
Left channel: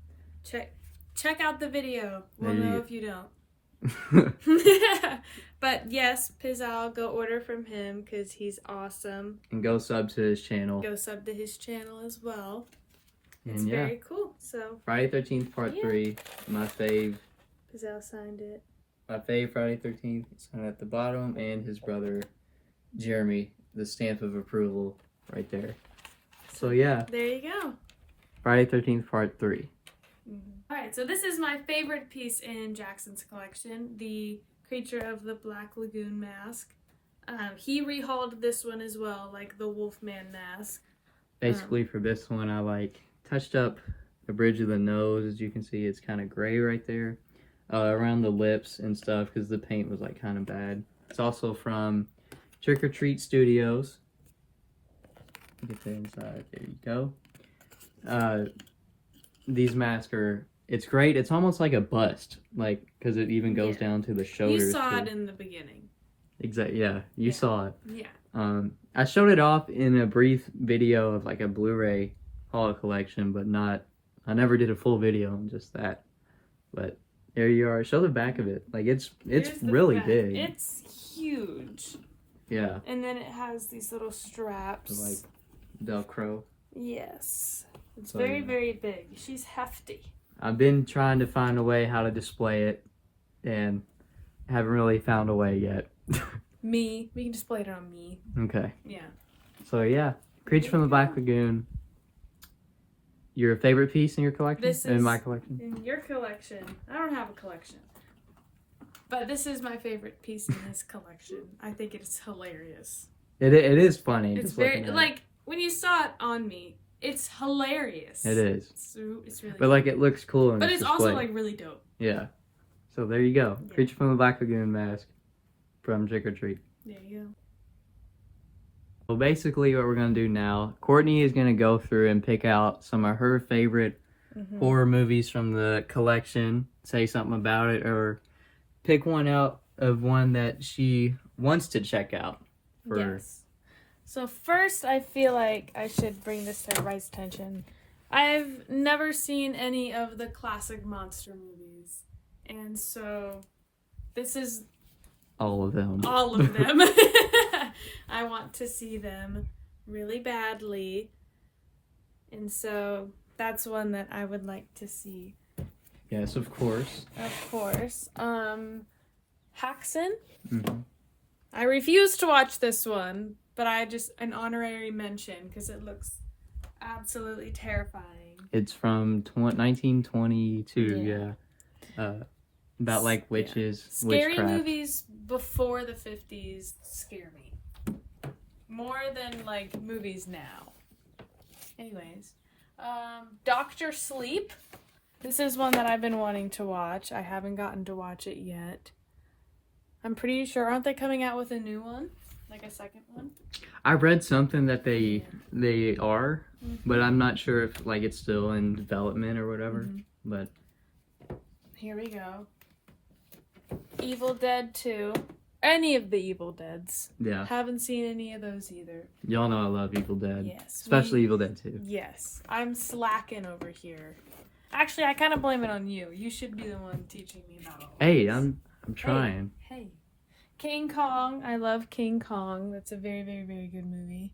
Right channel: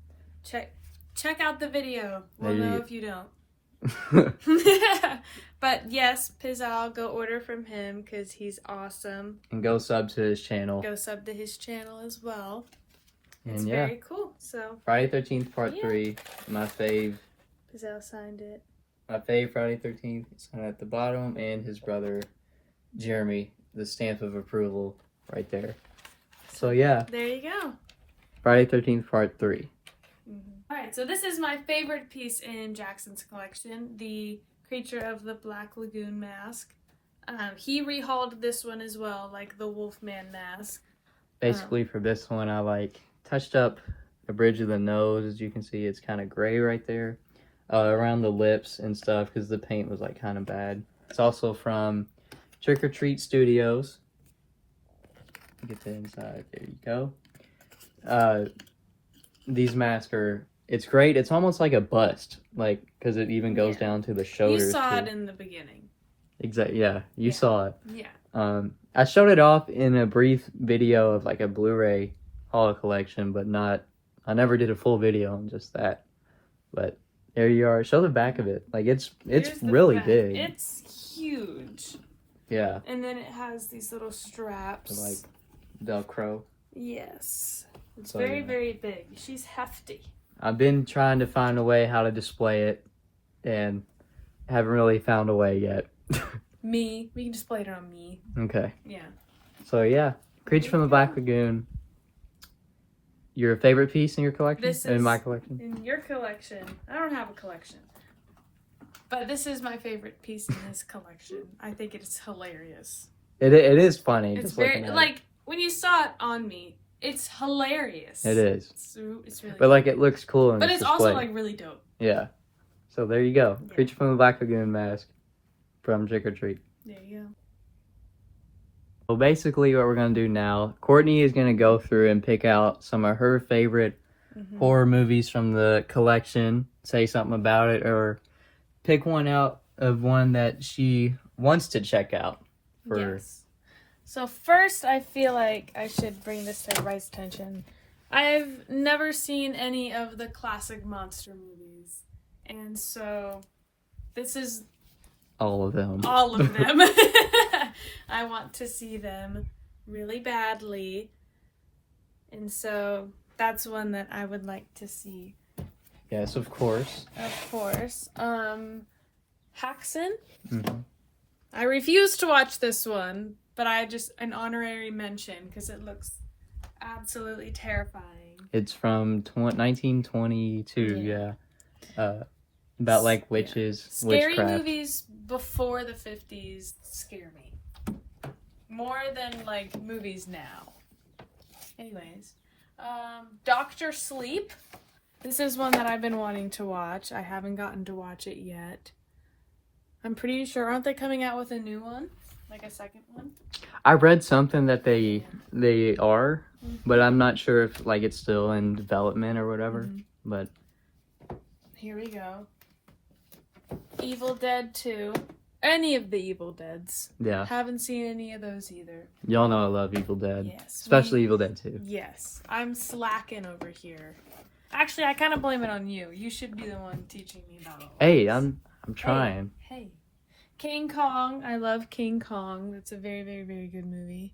Check out the video. We'll know if you don't. Go. But yes, Pizzle, go order from him because he's awesome. And go sub to his channel. Go sub to his channel as well. And It's yeah, very cool. So Friday 13th part 3, my fave. Pizzle signed it. My fave Friday 13th, signed at the bottom, and his brother Jeremy, the stamp of approval right there. So yeah, There you go. Friday 13th part 3. Alright, so this is my favorite piece in Jackson's collection, the Creature of the Black Lagoon mask. He rehauled this one as well, like the Wolfman mask. Basically for this one, I like touched up the bridge of the nose. As you can see, it's kind of gray right there. Around the lips and stuff because the paint was like kind of bad. It's also from Trick or Treat Studios. Get the inside. There you go. These masks are, it's great. It's almost like a bust, like, because it even goes down to the shoulders. You saw too. it in the beginning. Exactly. Yeah, you saw it. Yeah. I showed it off in a brief video of like a Blu-ray haul collection, but not. I never did a full video on just that. But there you are. Show the back of it. Like it's Here's the really back. big. It's huge. Yeah. And then it has these little straps. Like Velcro. Yes. It's So, very, yeah. very big. She's hefty. I've been trying to find a way how to display it, and haven't really found a way yet. Me. We can display it on me. Okay. Yeah. So yeah, Creature from the Black Lagoon. Your favorite piece in your collection? This In is- my collection? In your collection. I don't have a collection. But this is my favorite piece in this collection. I think it is hilarious. It is funny. It's just very, looking at it. like, when you saw it on me, it's hilarious. It is. It's really But like it looks cool in But its it's also, display. like, really dope. Yeah. So there you go. Yeah. Creature from the Black Lagoon mask from Trick or Treat. There you go. Well, basically what we're going to do now, Courtney is going to go through and pick out some of her favorite horror movies from the collection, say something about it, or pick one out of one that she wants to check out. Yes. So first, I feel like I should bring this to everybody's attention. I've never seen any of the classic monster movies. And so, this is All of them. all of them. I want to see them really badly. And so, that's one that I would like to see. Yes, of course. Of course. Haxon. Mm-hmm. I refuse to watch this one, but I just an honorary mention because it looks absolutely terrifying. It's from 1922, yeah. About like witches, Scary witchcraft. movies before the 50s scare me more than like movies now. Anyways, Dr. Sleep. This is one that I've been wanting to watch. I haven't gotten to watch it yet. I'm pretty sure, aren't they coming out with a new one? Like a second one? I read something that they are, but I'm not sure if like it's still in development or whatever. But Here we go. Evil Dead 2. Any of the Evil Deads. yeah, Haven't seen any of those either. y'all know I love Evil Dead, Yes. especially Evil Dead 2. Yes. I'm slacking over here. Actually, I kind of blame it on you. You should be the one teaching me about all Hey, this. I'm trying. Hey. King Kong. I love King Kong. That's a very, very, very good movie.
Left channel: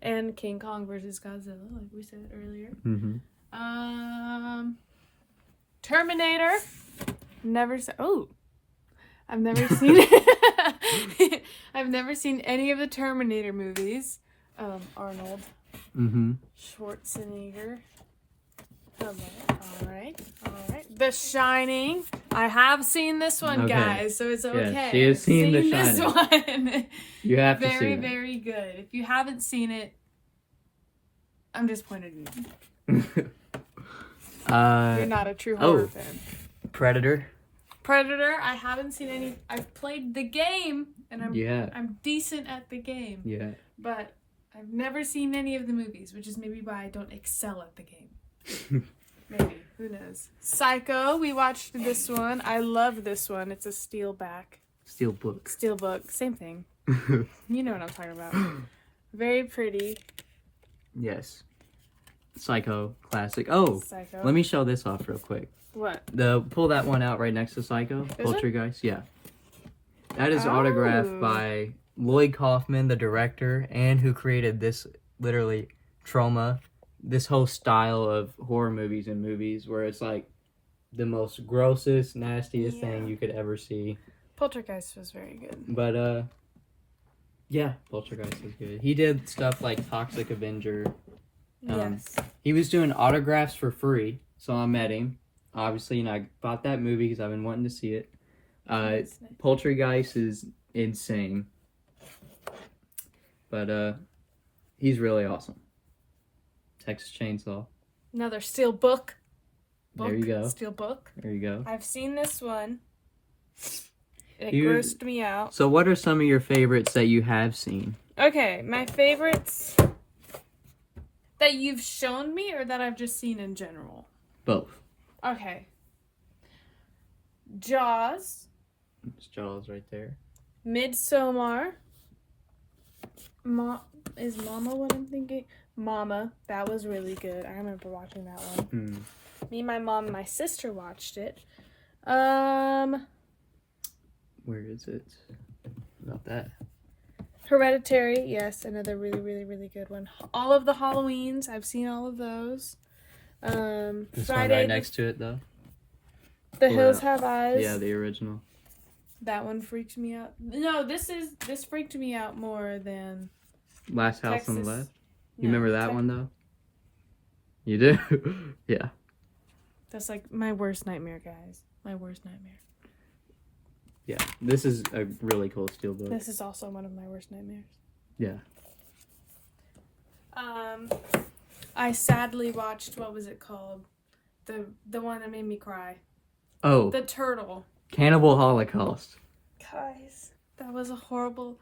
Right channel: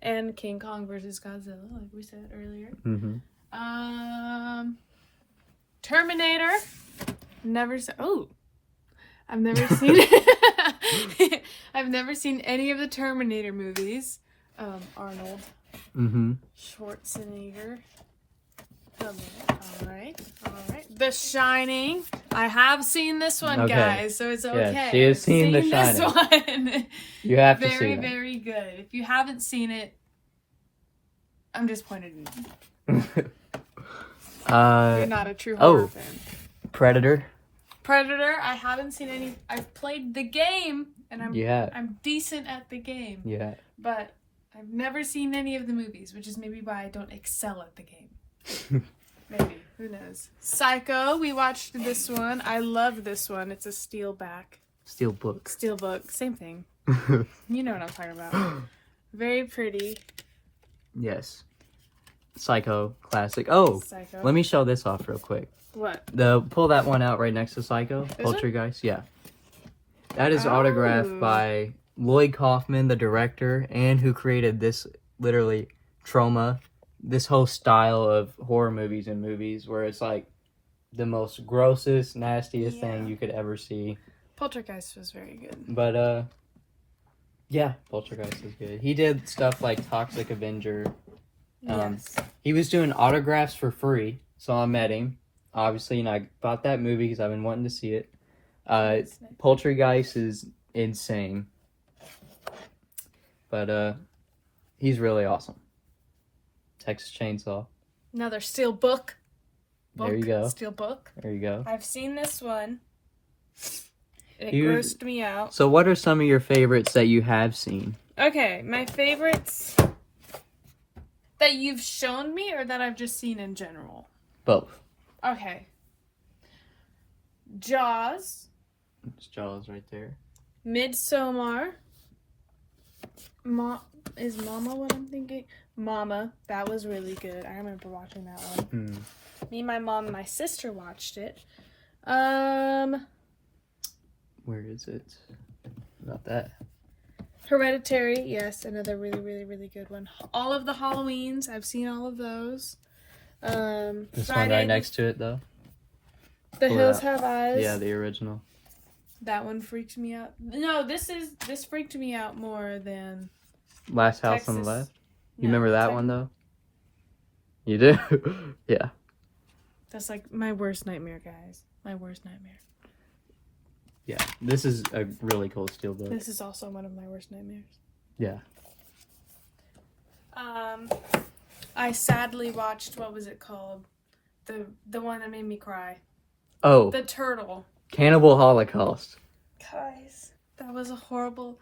And King Kong versus Godzilla, like we said earlier. Mm-hmm. Terminator. Never said. Oh, I've never seen it. I've never seen any of the Terminator movies. Arnold Mm-hmm. Schwarzenegger. All right. The Shining. I have seen this one, Okay. guys, so it's okay. Yeah, she has seen The This one. You have to see Very, it. very good. If you haven't seen it, I'm disappointed in you. You're not a true horror fan. Predator. Predator, I haven't seen any. I've played the game, and Yeah. I'm decent at the game, Yeah. but I've never seen any of the movies, which is maybe why I don't excel at the game. Maybe. Who knows? Psycho. We watched this one. I love this one. It's a steel back. Steel book. Steel book. Same thing. You know what I'm talking about. Very pretty. Yes. Psycho. Classic. Oh, Psycho. let me show this off real quick. What? Pull that one out right next to Psycho. Is it? Poltergeist. Yeah. That is Oh. autographed by Lloyd Kaufman, the director, and who created this literally trauma, this whole style of horror movies and movies where it's like the most grossest, nastiest thing you could ever see. Poltergeist was very good. But yeah, Poltergeist is good. He did stuff like Toxic Avenger. Yes. He was doing autographs for free, so I met him. Obviously, and I bought that movie because I've been wanting to see it. That's nice. Poltergeist is insane. But he's really awesome. Texas Chainsaw. Another steel book. There you go. Steel book. There you go. I've seen this one. It You- grossed me out. So what are some of your favorites that you have seen? Okay, my favorites that you've shown me or that I've just seen in general? Both. Okay. Jaws. It's Jaws right there. Midsommar. Is Mama what I'm thinking? Mama. That was really good. I remember watching that one. Me, my mom, and my sister watched it. Where is it? Not that. Hereditary. Yes, another really, really, really good one. All of the Halloweens. I've seen all of those. This one Friday right next to it, though. The Pull it Hills out. Have Eyes. Yeah, the original. That one freaked me out. No, this freaked me out more than Last House on the Texas. Left. You remember that one, though? You do? Yeah. That's like my worst nightmare, guys. My worst nightmare. Yeah. This is a really cool steelbook. This is also one of my worst nightmares. Yeah. I sadly watched, what was it called? The one that made me cry. Oh, The turtle. Cannibal Holocaust. Guys, that was a horrible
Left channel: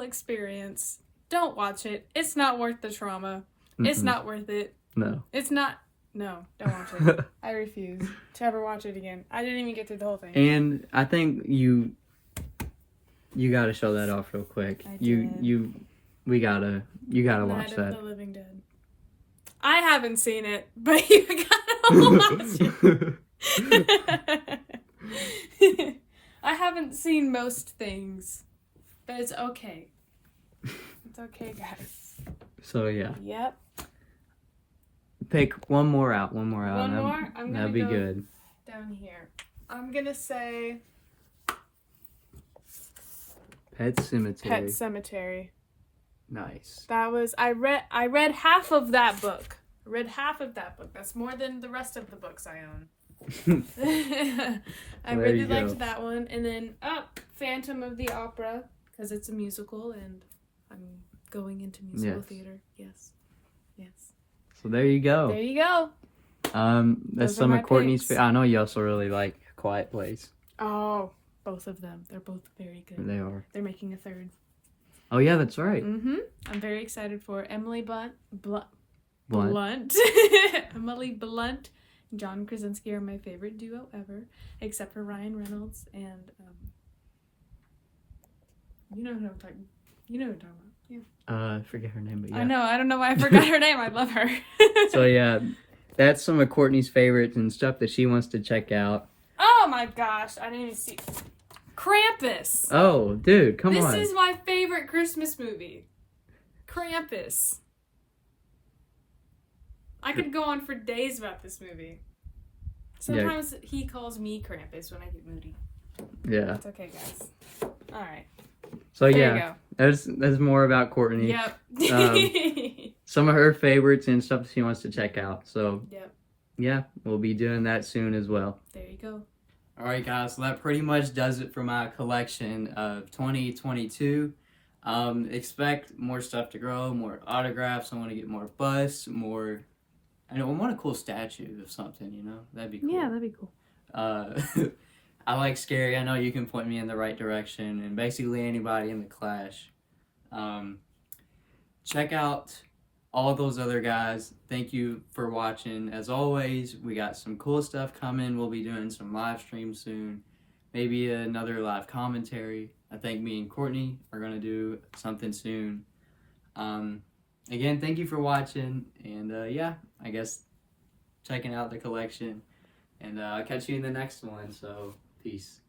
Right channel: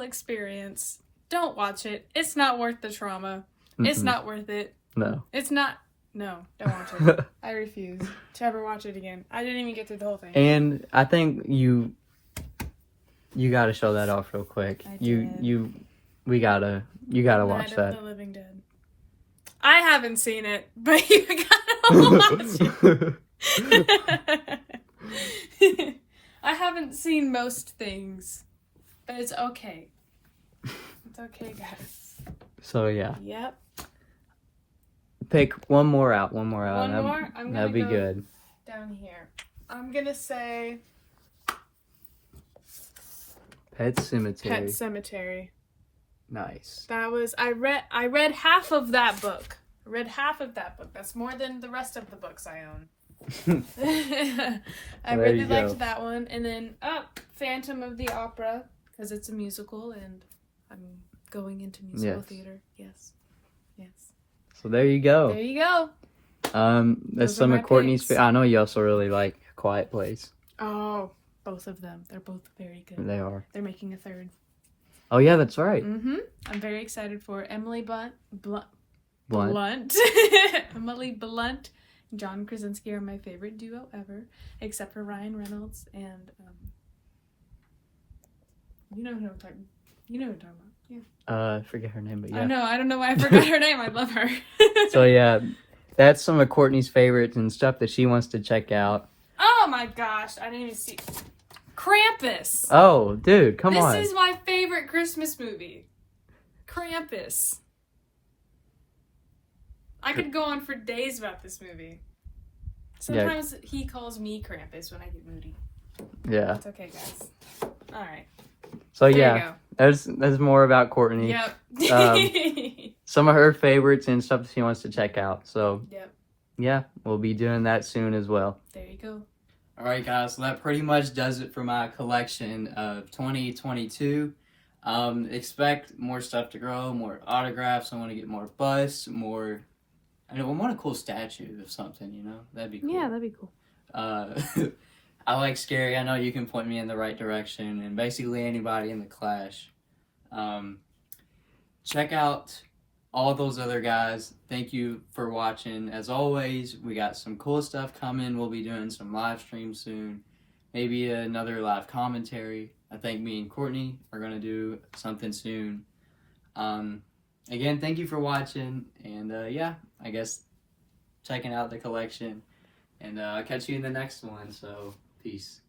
experience. Don't watch it. It's not worth the trauma. It's Mm-mm. not worth it. No. It's not. No, don't watch it. I refuse to ever watch it again. I didn't even get through the whole thing. And I think you got to show that off real quick. I You gotta watch Night that. of the Living Dead. I haven't seen it, but you gotta watch it. I haven't seen most things, but it's okay. It's okay, guys. So yeah, Yep. pick one more out. One more? I'm gonna That'd be go good. down here. I'm gonna say Pet Cemetery. Pet Cemetery. Nice. That was I read half of that book. That's more than the rest of the books I own. I There really you go. liked that one. And then Phantom of the Opera, because it's a musical and I'm going into musical Yes. theater. Yes. So there you go. There you go. That's Those are some my of Courtney's. picks. I know you also really like Quiet Place. Oh, both of them. They're both very good. They are. They're making a third. Oh yeah, that's right. Mm-hmm. I'm very excited for Emily Blunt. Blunt. Emily Blunt and John Krasinski are my favorite duo ever, except for Ryan Reynolds and you know who I'm talking about. Yeah. I forget her name, but yeah. I know. I don't know why I forgot her name. I love her. So yeah, that's some of Courtney's favorites and stuff that she wants to check out. Oh my gosh! I didn't even see Krampus. Oh, dude, come on. This is my favorite Christmas movie. Krampus. I could go on for days about this movie. Sometimes he calls me Krampus when I get moody. Yeah. It's okay, guys. All right. So There yeah, you go. that's more about Courtney. Yep. Some of her favorites and stuff she wants to check out. So Yep. yeah, we'll be doing that soon as well. There you go. All right, guys. So that pretty much does it for my collection of 2022. Expect more stuff to grow, more autographs. I want to get more busts, more. I want a cool statue of something. That'd be cool. Yeah, that'd be cool. I like scary. I know you can point me in the right direction, and basically anybody in the Clash. Check out all those other guys, thank you for watching. As always, we got some cool stuff coming. We'll be doing some live streams soon. Maybe another live commentary. I think me and Courtney are going to do something soon. Again, thank you for watching. And yeah, I guess checking out the collection. And I'll catch you in the next one. So, peace.